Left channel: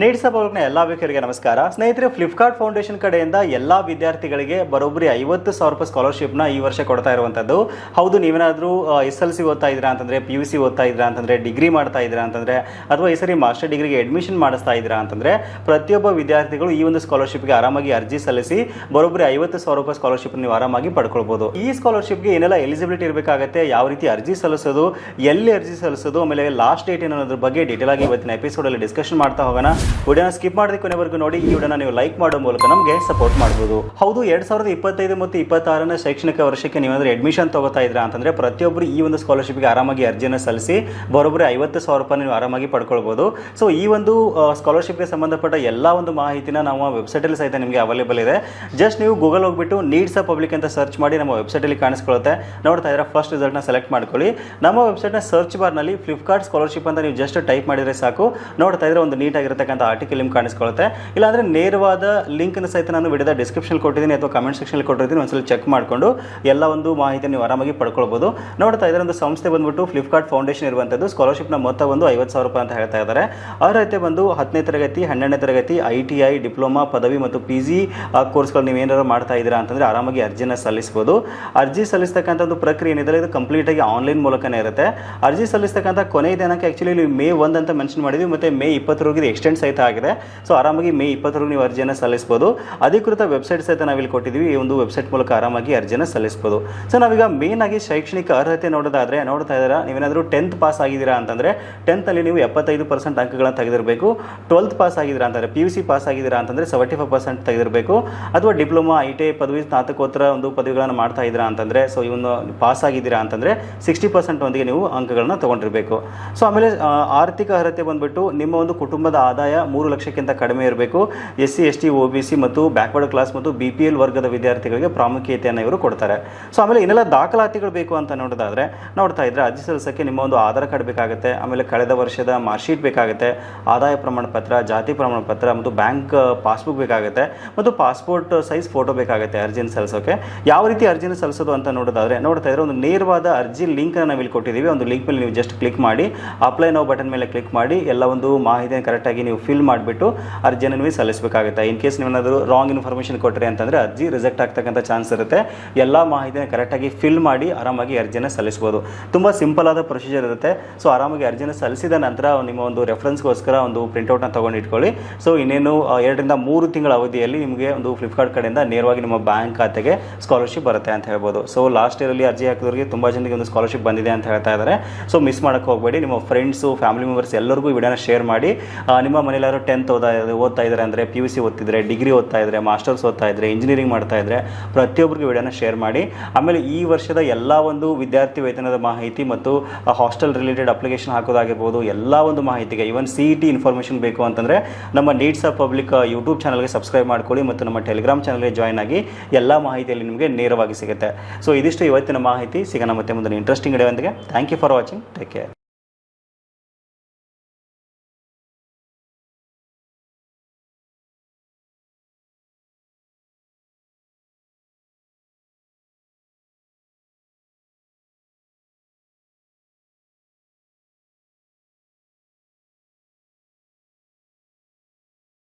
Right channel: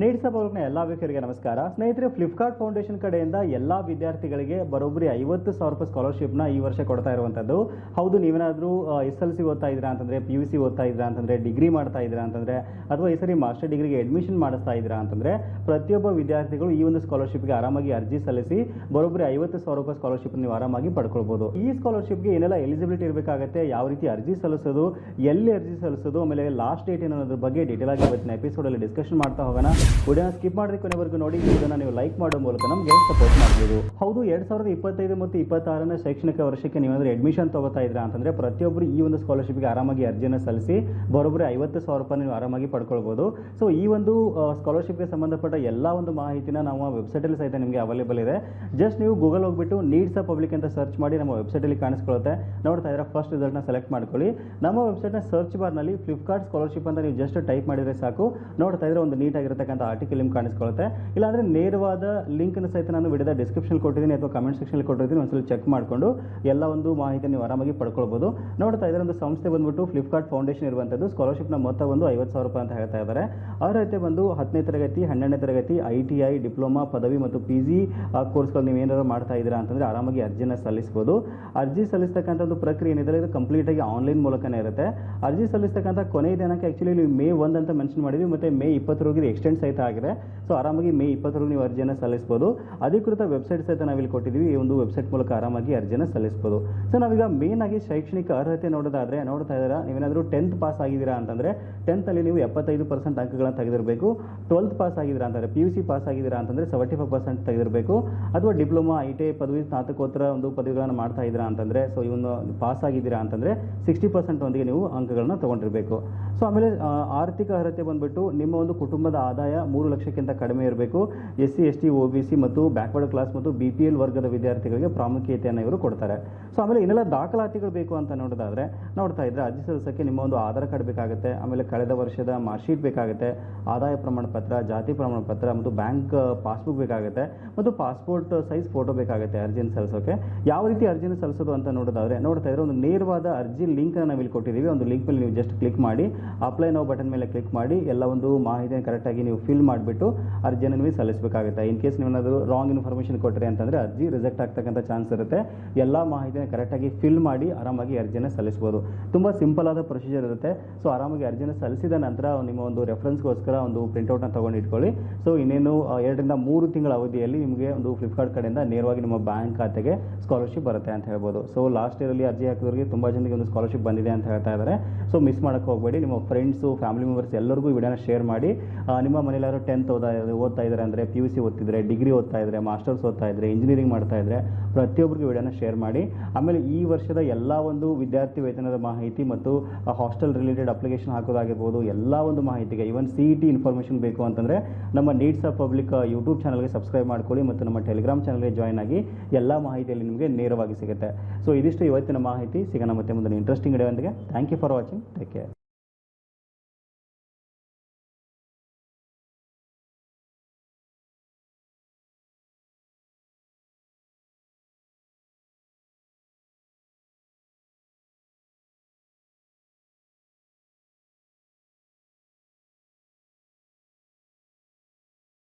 Needs ಅವ್ರಿಗೆ ಎಲ್ಲ ವೀಕ್ಷಕರಿಗೆ ನಮಸ್ಕಾರ. ಸ್ನೇಹಿತರೆ ಫ್ಲಿಪ್ಕಾರ್ಟ್ ಫೌಂಡೇಶನ್ ಕಡೆಯಿಂದ ಎಲ್ಲ ವಿದ್ಯಾರ್ಥಿಗಳಿಗೆ ಬರೋಬ್ಬರಿ ಐವತ್ತು ಸಾವಿರ ರೂಪಾಯಿ ಸ್ಕಾಲರ್ಶಿಪ್ನ ಈ ವರ್ಷ ಕೊಡ್ತಾ ಇರುವಂಥದ್ದು ಹೌದು, ನೀವೇನಾದರೂ ಎಸ್ ಎಲ್ ಸಿ ಓದ್ತಾ ಇದ್ದೀರಾ ಅಂತಂದರೆ ಪಿ ಯು ಸಿ ಓದ್ತಾ ಇದ್ದೀರಾ ಅಂತಂದರೆ, ಡಿಗ್ರಿ ಮಾಡ್ತಾ ಇದ್ದೀರಾ ಅಂತಂದರೆ, ಅಥವಾ ಈ ಸರಿ ಮಾಸ್ಟರ್ ಡಿಗ್ರಿಗೆ ಅಡ್ಮಿಷನ್ ಮಾಡಿಸ್ತಾ ಇದ್ದೀರಾ ಅಂತಂದರೆ, ಪ್ರತಿಯೊಬ್ಬ ವಿದ್ಯಾರ್ಥಿಗಳು ಈ ಒಂದು ಸ್ಕಾಲರ್ಶಿಪ್ಗೆ ಆರಾಮಾಗಿ ಅರ್ಜಿ ಸಲ್ಲಿಸಿ ಬರೋಬ್ಬರಿ ಐವತ್ತು ಸಾವಿರ ರೂಪಾಯಿ ಸ್ಕಾಲರ್ಶಿಪ್ ನೀವು ಆರಾಮಾಗಿ ಪಡ್ಕೊಳ್ಬೋದು. ಈ ಸ್ಕಾಲರ್ಶಿಪ್ಗೆ ಏನೆಲ್ಲ ಎಲಿಜಿಬಿಲಿಟಿ ಇರಬೇಕಾಗುತ್ತೆ, ಯಾವ ರೀತಿ ಅರ್ಜಿ ಸಲ್ಲಿಸೋದು, ಎಲ್ಲಿ ಅರ್ಜಿ ಸಲ್ಲಿಸೋದು, ಆಮೇಲೆ ಲಾಸ್ಟ್ ಡೇಟ್ ಅನ್ನೋದ್ರ ಬಗ್ಗೆ ಡೀಟೇಲ್ ಆಗಿ ಇವತ್ತಿನ ಎಪಿಸೋಡಲ್ಲಿ ಡಿಸ್ಕಷನ್ ಮಾಡ್ತಾ ಹೋಗೋಣ. ವಿಡಿಯೋನ ಸ್ಕಿಪ್ ಮಾಡಿದ ಕೊನೆವರೆಗೂ ನೋಡಿ, ಈ ವಿಡಿಯೋನ ನೀವು ಲೈಕ್ ಮಾಡೋ ಮೂಲಕ ನಮಗೆ ಸಪೋರ್ಟ್ ಮಾಡ್ಬೋದು. ಹೌದು, ಎರಡ್ ಸಾವಿರದ ಇಪ್ಪತ್ತೈದು ಮತ್ತು ಇಪ್ಪತ್ತಾರನೇ ಶೈಕ್ಷಣಿಕ ವರ್ಷಕ್ಕೆ ನೀವೇನಾದ್ರೂ ಅಡ್ಮಿಷನ್ ತಗೋತಾ ಇದ್ರಾ ಅಂತಂದ್ರೆ ಪ್ರತಿಯೊಬ್ಬರು ಈ ಒಂದು ಸ್ಕಾಲರ್ಶಿಪ್ಗೆ ಆರಾಮಾಗಿ ಅರ್ಜಿಯನ್ನು ಸಲ್ಲಿಸಿ ಬರೋಬ್ಬರಿ ಐವತ್ತು ಸಾವಿರ ರೂಪಾಯಿ ನೀವು ಆರಾಮಾಗಿ ಪಡ್ಕೊಳ್ಬೋದು. ಸೊ ಈ ಒಂದು ಸ್ಕಾಲರ್ಶಿಪ್ಗೆ ಸಂಬಂಧಪಟ್ಟ ಎಲ್ಲ ಒಂದು ಮಾಹಿತಿನ ನಾವು ವೆಬ್ಸೈಟಲ್ಲಿ ಸಹಿತ ನಿಮಗೆ ಅವೈಲೇಬಲ್ ಇದೆ. ಜಸ್ಟ್ ನೀವು ಗೂಗಲ್ ಹೋಗ್ಬಿಟ್ಟು ನೀಡ್ಸ್ ಅ ಪಬ್ಲಿಕ್ ಅಂತ ಸರ್ಚ್ ಮಾಡಿ ನಮ್ಮ ವೆಬ್ಸೈಟಲ್ಲಿ ಕಾಣಿಸ್ಕೊಳ್ಳುತ್ತೆ. ನೋಡ್ತಾ ಇದ್ರೆ ಫಸ್ಟ್ ರಿಸಲ್ಟ್ನ ಸೆಲೆಕ್ಟ್ ಮಾಡ್ಕೊಳ್ಳಿ. ನಮ್ಮ ವೆಬ್ಸೈಟ್ನ ಸರ್ಚ್ ಬಾರ್ನಲ್ಲಿ ಫ್ಲಿಪ್ಕಾರ್ಟ್ ಸ್ಕಾಲರ್ಶಿಪ್ ಅಂತ ನೀವು ಜಸ್ಟ್ ಟೈಪ್ ಮಾಡಿದರೆ ಸಾಕು. ನೋಡ್ತಾ ಇದ್ರೆ ಒಂದು ನೀಟಾಗಿರ್ತಕ್ಕಂಥ ಆರ್ಟಿಕಲ್ ನಿಮ್ಗೆ ಕಾಣಿಸ್ಕೊಳ್ಳುತ್ತೆ ಇಲ್ಲಾಂದ್ರೆ ನೇರವಾದ ಲಿಂಕ್ನ ಸಹಿತ ನಾನು ವಿಡಿಯೋದ ಡಿಸ್ಕ್ರಿಪ್ಷನ್ ಕೊಟ್ಟಿದ್ದೀನಿ ಅಥವಾ ಕಮೆಂಟ್ ಸೆಕ್ಷನ್ ಕೊಟ್ಟಿದ್ದೀನಿ ಒಂದ್ಸಲ ಚೆಕ್ ಮಾಡಿಕೊಂಡು ಎಲ್ಲ ಒಂದು ಮಾಹಿತಿ ನೀವು ಆರಾಮಾಗಿ ಪಡ್ಕೊಳ್ಬೋದು. ನೋಡ್ತಾ ಇದ್ರೆ ಒಂದು ಸಂಸ್ಥೆ ಬಂದ್ಬಿಟ್ಟು ಫ್ಲಿಪ್ಕಾರ್ಟ್ ಫೌಂಡೇಶನ್ ಇರುವಂಥದ್ದು. ಸ್ಕಾಲರ್ಶಿಪ್ನ ಮೊತ್ತ ಒಂದು ಐವತ್ತು ಸಾವಿರ ರೂಪಾಯಿ ಅಂತ ಹೇಳ್ತಾ ಇದ್ದಾರೆ. ಅರ್ಹತೆ ಬಂದು ಹತ್ತನೇ ತರಗತಿ, ಹನ್ನೆರಡನೇ ತರಗತಿ ಐ ಟಿ ಐ ಡಿಪ್ಲೊಮಾ, ಪದವಿ ಮತ್ತು ಪಿ ಜಿ ಕೋರ್ಸ್ಗಳು ನೀವು ಏನಾದ್ರು ಮಾಡ್ತಾ ಇದ್ದೀರಾ ಅಂತಂದರೆ ಆರಾಮಾಗಿ ಅರ್ಜಿನ ಸಲ್ಲಿಸ್ಬೋದು. ಅರ್ಜಿ ಸಲ್ಲಿಸ್ತಕ್ಕಂಥ ಒಂದು ಪ್ರಕ್ರಿಯೆ ಏನಿದೆ, ಇದು ಕಂಪ್ಲೀಟಾಗಿ ಆನ್ಲೈನ್ ಮೂಲಕನೇ ಇರುತ್ತೆ. ಅರ್ಜಿ ಸಲ್ಲಿಸ್ತಕ್ಕಂಥ ಕೊನೆಯ ದಿನಕ್ಕೆ ಆ್ಯಕ್ಚುಲಿ ಮೇ ಒಂದು ಅಂತ ಮೆನ್ಷನ್ ಮಾಡಿದ್ವಿ, ಮತ್ತೆ ಮೇ ಇಪ್ಪತ್ತರವರೆಗೆ ಎಕ್ಸ್ಟೆಂಡ್ ಸಹಿತ ಆಗಿದೆ. ಸೊ ಆರಾಮಾಗಿ ಮೇ ಇಪ್ಪತ್ತರವರೆಗೆ ನೀವು ಅರ್ಜಿಯನ್ನು ಸಲ್ಲಿಸ್ಬೋದು. ಅಧಿಕೃತ ವೆಬ್ಸೈಟ್ ಸಹಿತ ನಾವಿಲ್ಲಿ ಕೊಟ್ಟಿದ್ದೀವಿ. ಈ ಒಂದು ವೆಬ್ಸೈಟ್ ಮೂಲಕ ಆರಾಮಾಗಿ ಅರ್ಜಿಯನ್ನು ಸಲ್ಲಿಸ್ಬೋದು. ಸೊ ನಾವೀಗ ಮೇನ್ ಆಗಿ ಶೈಕ್ಷಣಿಕ ಅರ್ಹತೆ ನೋಡೋದಾದ್ರೆ, ನೋಡ್ತಾ ಇದ್ದೀರಾ? ನೀವೇನಾದರೂ ಟೆಂತ್ ಪಾಸ್ ಆಗಿದ್ದೀರಾ ಅಂತಂದರೆ ಟೆಂತಲ್ಲಿ ನೀವು ಎಪ್ಪತ್ತೈದು ಪರ್ಸೆಂಟ್ ಅಂಕಗಳನ್ನು ತೆಗೆದಿರಬೇಕು. ಟ್ವೆಲ್ತ್ ಪಾಸ್ ಆಗಿದ್ದೀರಾ ಅಂತಂದರೆ ಪಿ ಯು ಸಿ ಪಾಸ್ ಆಗಿದ್ದೀರಾ ಅಂತಂದರೆ ಸೆವೆಂಟಿ ಫೈವ್ ಪರ್ಸೆಂಟ್ ತೆಗೆದಿರಬೇಕು. ಅಥವಾ ಡಿಪ್ಲೊಮಾ ಐ ಟಿ ಐ ಪದವಿ, ಸ್ನಾತಕೋತ್ತರ ಒಂದು ಪದವಿಗಳನ್ನು ಮಾಡ್ತಾ ಇದ್ದೀರಾ ಅಂತಂದರೆ ಸೊ ಇವನು ಪಾಸ್ ಆಗಿದ್ದೀರಾ ಅಂತಂದರೆ ಸಿಕ್ಸ್ಟಿ ಪರ್ಸೆಂಟ್ ಒಂದಿಗೆ ನೀವು ಅಂಕಗಳನ್ನ ತೊಗೊಂಡಿರಬೇಕು. ಸೊ ಆಮೇಲೆ ಆರ್ಥಿಕ ಅರ್ಹತೆ ಬಂದುಬಿಟ್ಟು ನಿಮ್ಮ ಒಂದು ಕುಟುಂಬದ ಆದಾಯ ಮೂರು ಲಕ್ಷಕ್ಕಿಂತ ಕಡಿಮೆ ಇರಬೇಕು. S C, S T O B C ಮತ್ತು ಬ್ಯಾಕ್ವರ್ಡ್ ಕ್ಲಾಸ್ ಮತ್ತು ಬಿ ಪಿ ಎಲ್ ವರ್ಗದ ವಿದ್ಯಾರ್ಥಿಗಳಿಗೆ ಪ್ರಾಮುಖ್ಯತೆಯನ್ನು ಇವರು ಕೊಡ್ತಾರೆ. ಸೊ, ಆಮೇಲೆ ಇನ್ನೆಲ್ಲ ದಾಖಲಾತಿಗಳು ಬೇಕು ಅಂತ ನೋಡೋದಾದ್ರೆ, ನೋಡ್ತಾ ಇದ್ರೆ ಅರ್ಜಿ ಸಲ್ಲಿಸೋಕ್ಕೆ ನಿಮ್ಮ ಒಂದು ಆಧಾರ್ ಕಾರ್ಡ್ ಬೇಕಾಗುತ್ತೆ, ಆಮೇಲೆ ಕಳೆದ ವರ್ಷದ ಮಾರ್ಕ್ಶೀಟ್ ಬೇಕಾಗುತ್ತೆ, ಆದಾಯ ಪ್ರಮಾಣ ಪತ್ರ, ಜಾತಿ ಪ್ರಮಾಣ ಪತ್ರ ಮತ್ತು ಬ್ಯಾಂಕ್ ಪಾಸ್ಬುಕ್ ಬೇಕಾಗುತ್ತೆ ಮತ್ತು ಪಾಸ್ಪೋರ್ಟ್ ಸೈಜ್ ಫೋಟೋ ಬೇಕಾಗುತ್ತೆ ಅರ್ಜಿನ ಸಲ್ಲಿಸೋಕೆ. ಯಾವ ರೀತಿ ಅರ್ಜಿನ ಸಲ್ಲಿಸೋದು ಅಂತ ನೋಡೋದಾದ್ರೆ, ನೋಡ್ತಾ ಇದ್ರೆ ಒಂದು ನೇರವಾದ ಅರ್ಜಿ ಲಿಂಕ್ ನಾವು ಇಲ್ಲಿ ಕೊಟ್ಟಿದ್ದೀವಿ. ಒಂದು ಲಿಂಕ್ ಮೇಲೆ ನೀವು ಜಸ್ಟ್ ಕ್ಲಿಕ್ ಮಾಡಿ, ಅಪ್ಲೈ ನಾವು ಬಟನ್ ಮೇಲೆ ಕ್ಲಿಕ್ ಮಾಡಿ, ಎಲ್ಲ ಒಂದು ಮಾಹಿತಿಯನ್ನು ಕರೆಕ್ಟಾಗಿ ನೀವು ಫಿಲ್ ಮಾಡಿಬಿಟ್ಟು ಅರ್ಜಿಯನ್ನು ನೀವು ಸಲ್ಲಿಸಬೇಕಾಗುತ್ತೆ. ಇನ್ ಕೇಸ್ ನೀವೇನಾದರೂ ರಾಂಗ್ ಇನ್ಫಾರ್ಮೇಷನ್ ಕೊಟ್ಟರೆ ಅಂತಂದರೆ ಅರ್ಜಿ ರಿಜೆಕ್ಟ್ ಆಗ್ತಕ್ಕಂಥ ಚಾನ್ಸ್ ಇರುತ್ತೆ. ಎಲ್ಲ ಮಾಹಿತಿನ ಕರೆಕ್ಟಾಗಿ ಫಿಲ್ ಮಾಡಿ ಆರಾಮಾಗಿ ಅರ್ಜಿನ ಸಲ್ಲಿಸ್ಬೋದು. ತುಂಬ ಸಿಂಪಲ್ ಆದ ಪ್ರೊಸೀಜರ್ ಇರುತ್ತೆ. ಸೊ ಆರಾಮಾಗಿ ಅರ್ಜಿನ ಸಲ್ಲಿಸಿದ ನಂತರ ನಿಮ್ಮ ಒಂದು ರೆಫರೆನ್ಸ್ಗೋಸ್ಕರ ಒಂದು ಪ್ರಿಂಟೌಟ್ನ ತೊಗೊಂಡು ಇಟ್ಕೊಳ್ಳಿ. ಸೊ ಇನ್ನೇನು ಎರಡರಿಂದ ಮೂರು ತಿಂಗಳ ಅವಧಿಯಲ್ಲಿ ನಿಮಗೆ ಒಂದು ಫ್ಲಿಪ್ಕಾರ್ಟ್ ಕಡೆಯಿಂದ ನೇರವಾಗಿ ನಿಮ್ಮ ಬ್ಯಾಂಕ್ ಖಾತೆಗೆ ಸ್ಕಾಲರ್ಶಿಪ್ ಬರುತ್ತೆ ಅಂತ ಹೇಳ್ಬೋದು. ಸೊ ಲಾಸ್ಟ್ ಇಯರಲ್ಲಿ ಅರ್ಜಿ ಹಾಕಿದವರಿಗೆ ತುಂಬ ಜನರಿಗೆ ಒಂದು ಸ್ಕಾಲರ್ಶಿಪ್ ಬಂದಿದೆ ಅಂತ ಹೇಳ್ತಾ ಇದ್ದಾರೆ ಸೊ ಮಿಸ್ ಮಾಡೋಕ್ಕೆ ಹೋಗಬೇಡಿ. ನಿಮ್ಮ ಫ್ರೆಂಡ್ಸು ಫ್ಯಾಮಿಲಿ ಮೆಂಬರ್ಸ್ ಎಲ್ಲರಿಗೂ ವಿಡಿಯೋನ ಶೇರ್ ಮಾಡಿ. ನಿಮ್ಮ ಮನೇಲಿ ಯಾರು ಟೆಂತ್ ಓದಾ ಓದ್ತಾ ಇದ್ದಾರೆ ಅಂದರೆ ಪಿ ಯು ಸಿ ಓದ್ತಿದ್ರೆ ಡಿಗ್ರಿ ಓದ್ತಾ ಇದ್ದರೆ ಮಾಸ್ಟರ್ಸ್ ಓದ್ತಾ ಇದ್ದರೆ ಇಂಜಿನಿಯರಿಂಗ್ ಮಾಡ್ತಾ ಇದ್ದರೆ ಪ್ರತಿಯೊಬ್ಬರಿಗೂ ವಿಡಿಯೋನ ಶೇರ್ ಮಾಡಿ. ಆಮೇಲೆ ಈ ವರ್ಷದ ಎಲ್ಲ ಒಂದು ವಿದ್ಯಾರ್ಥಿ ವೇತನದ ಮಾಹಿತಿ ಮತ್ತು ಹಾಸ್ಟೆಲ್ ರಿಲೇಟೆಡ್ ಅಪ್ಲಿಕೇಶನ್ ಹಾಕೋದಾಗಿರ್ಬೋದು, ಎಲ್ಲ ಒಂದು ಮಾಹಿತಿಗೆ even C E T information ಬೇಕು ಅಂತಂದರೆ ನಮ್ಮ ನೀಡ್ಸ್ ಆಫ್ ಪಬ್ಲಿಕ್ ಯೂಟ್ಯೂಬ್ ಚಾನಲ್ಗೆ ಸಬ್ಸ್ಕ್ರೈಬ್ ಮಾಡ್ಕೊಳ್ಳಿ ಮತ್ತು ನಮ್ಮ ಟೆಲಿಗ್ರಾಮ್ ಚಾನಲ್ಗೆ ಜಾಯ್ನ್ ಆಗಿ ಎಲ್ಲ ಮಾಹಿತಿಯಲ್ಲಿ ನಿಮಗೆ ನೇರವಾಗಿ ಸಿಗುತ್ತೆ. ಸೊ ಇದಿಷ್ಟು ಇವತ್ತಿನ ಮಾಹಿತಿ. ಸಿಗೋಣ ಮತ್ತೆ ಮುಂದಿನ interesting ವಿಡಿಯೋಂದಿಗೆ thank you for watching take care